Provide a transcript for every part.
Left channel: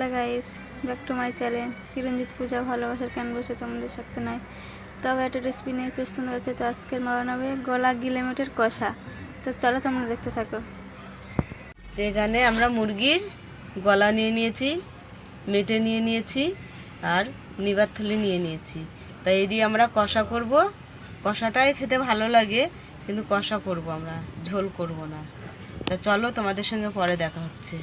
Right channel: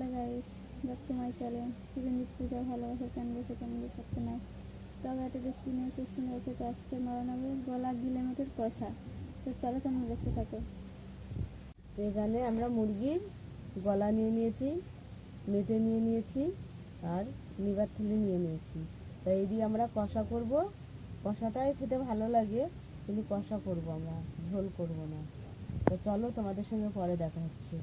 Hello guys, back to my channel. Chiranjit Puja, ভালোবাসার কেন বসে তোমাদের সাথে নাই? তবে একটা রেসিপি নিয়ে চেষ্টা হচ্ছে, তো আজকের বানাবে গলা গিলেমেটের কষা। তো চলো তোমরা দেখতে থাকো। এখানে আমরা মুরগির গলা নিয়ে নিয়েছি, মেটে নিয়ে নিয়েছি, আর নিবার থলি নিয়ে নিয়েছি। তাই এই দিয়ে আমরা কষা করব। কষাটাই খেতে ভালো লাগে, কিন্তু কষা করব আমরা, ঝোল করব না। তা চলো তোমাদের সঙ্গে পরে দেখা হচ্ছে।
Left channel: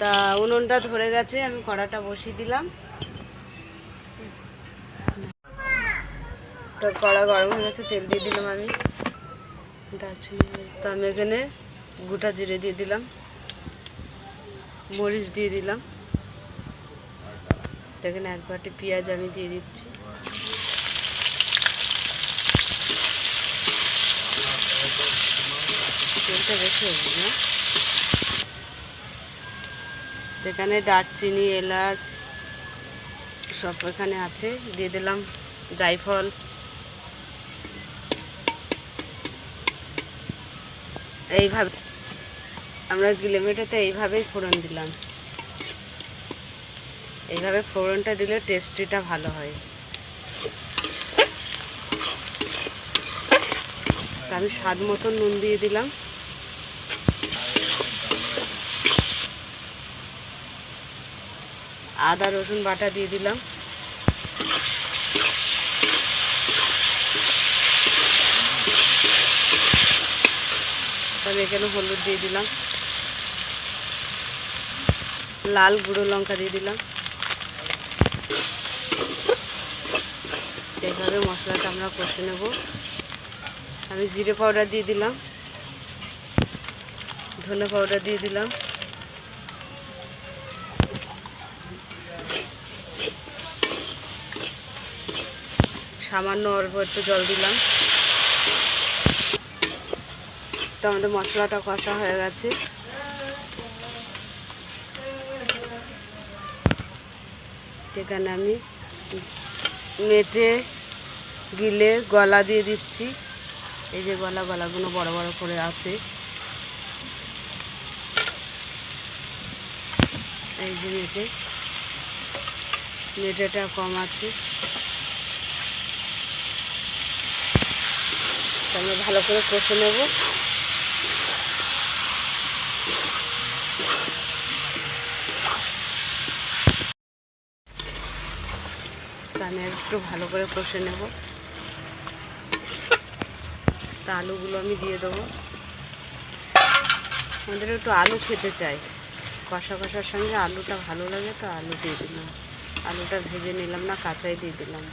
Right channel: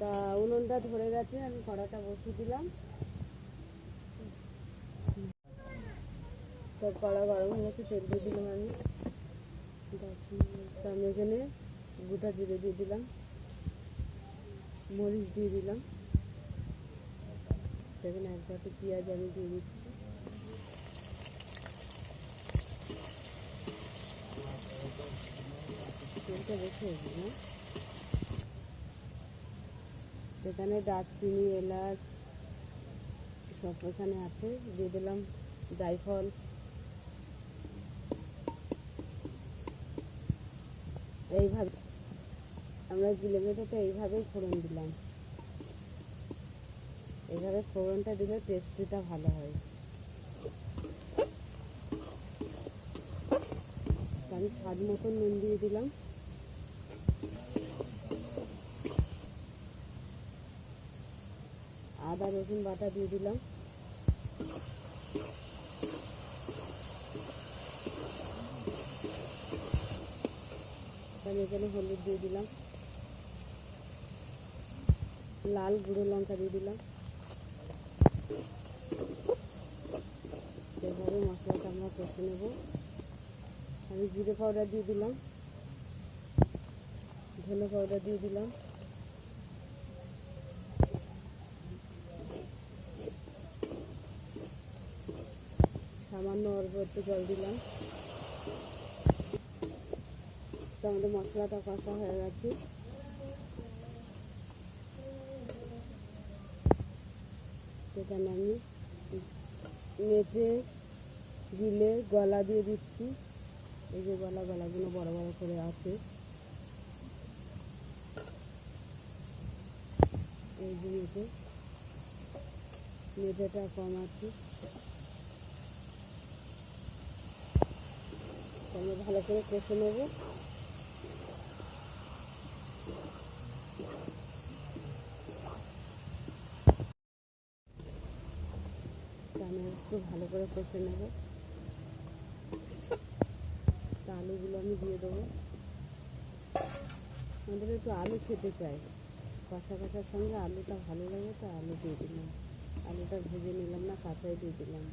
তা উনুনটা ধরে গেছে, আমি কড়াটা বসিয়ে দিলাম। তো কড়া গরম হয়ে গেছে, তেল দিয়ে দিলাম আমি। দারচিনি তো আমি এখানে গোটা জিরে দিয়ে দিলাম, মরিচ দিয়ে দিলাম। এখানে এক বাটি পেঁয়াজ আমি দিয়ে দিচ্ছি। তেলটা বেশি হবে না? এখানে দারচিনি, এলাচ সব এখানে আছে। দিয়ে দিলাম জায়ফল এইভাবে আমরা গিলেমেটাতে এইভাবেই ফোড়ন দিলাম। এইভাবে ফোড়নটা দিলে টেস্টিটা ভালো হয়। আমি স্বাদ মতন নুন দিয়ে দিলাম। আদা, রসুন বাটা দিয়ে দিলাম। আমি এখানে হলুদ দিয়ে দিলাম। লাল গুঁড়ো লঙ্কা দিয়ে দিলাম। এইভাবে মশলাটা আমরা কষে নেব। আমি জিরে পাউডার দিয়ে দিলাম। ধনে পাউডার দিয়ে দিলাম। সামান্য অল্প একটু জল দিলাম। তো আমাদের মশলাটা কষা হয়ে গেছে। এখানে আমি মেটে, গিলে, গলা দিয়ে দিচ্ছি। এই যে গলা, গলাগুলো বড় বড় করে আছে। এই যে মেটে, মেটেটা কম আছে। আমি ভালো করে কষে নেব। আমি একটু ভালো করে কষে নেব। তা আলুগুলো আমি দিয়ে দেবো। আমাদের একটু আলু খেতে চাই। কষা কষার সঙ্গে আলুটা ভালো লাগে তো আলু দিয়ে দিলাম। আলুটা ভেজে নিলাম না, কাঁচাই দিয়ে দিলাম।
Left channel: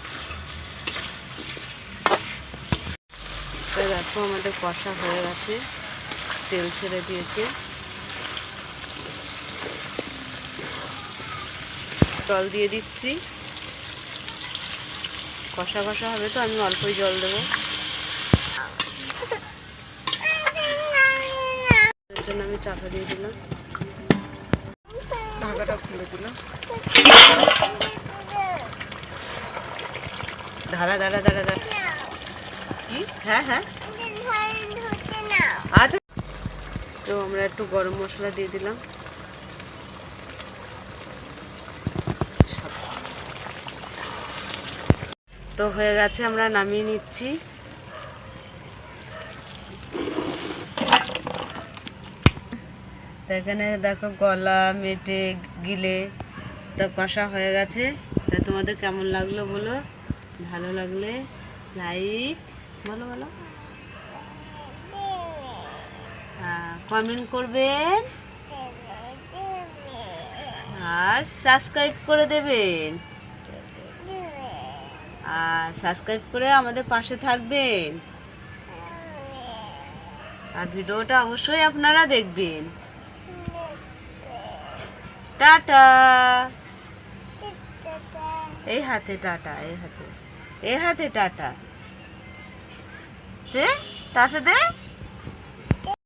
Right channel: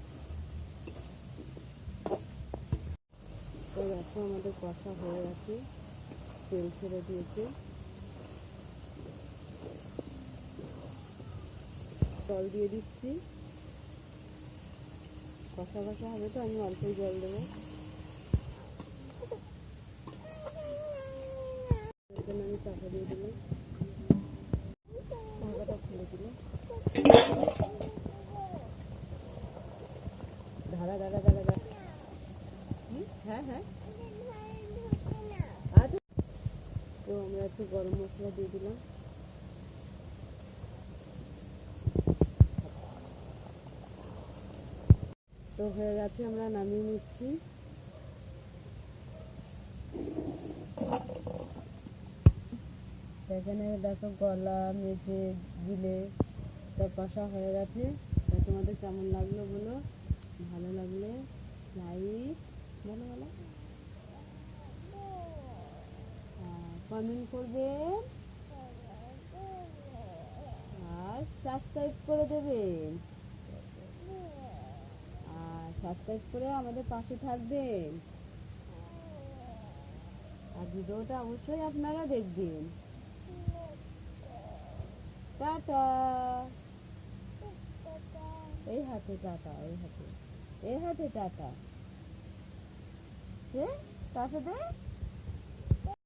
তো দেখো আমাদের কষা হয়ে গেছে। তেল ছেড়ে দিয়েছে। জল দিয়ে দিচ্ছি। কষা কষা হবে তো, আমি অল্পই জল দেবো। জন্য আমি চাপা দিয়ে দিলাম। ঢাকাটা খুলে দিলাম। ধারা ধারা ধারা ধারা হ্যাঁ হ্যাঁ। আচ্ছা তো আমরা একটু গরম মশলা দিয়ে দিলাম। তো হয়ে গেছে, আমরা নামিয়ে নিচ্ছি। এখানে দেখো গলা, মেটে, গিলে তো কষা হয়ে গেছে। তা তোমাদের কেমন লাগল বলো? ভালো লাগলে লাইক বলো বলো। কমেন্ট করবেন আর সাবস্ক্রাইব করে দেবেন। আর সাবস্ক্রাইব করে আমাদের পাশে থাকবেন। আর ভিডিওটা অবশ্যই আপনারা দেখবেন। টাটা। এই হাতে টাটা, এই হাতে এই হাতে টাটা। দে টাটা দে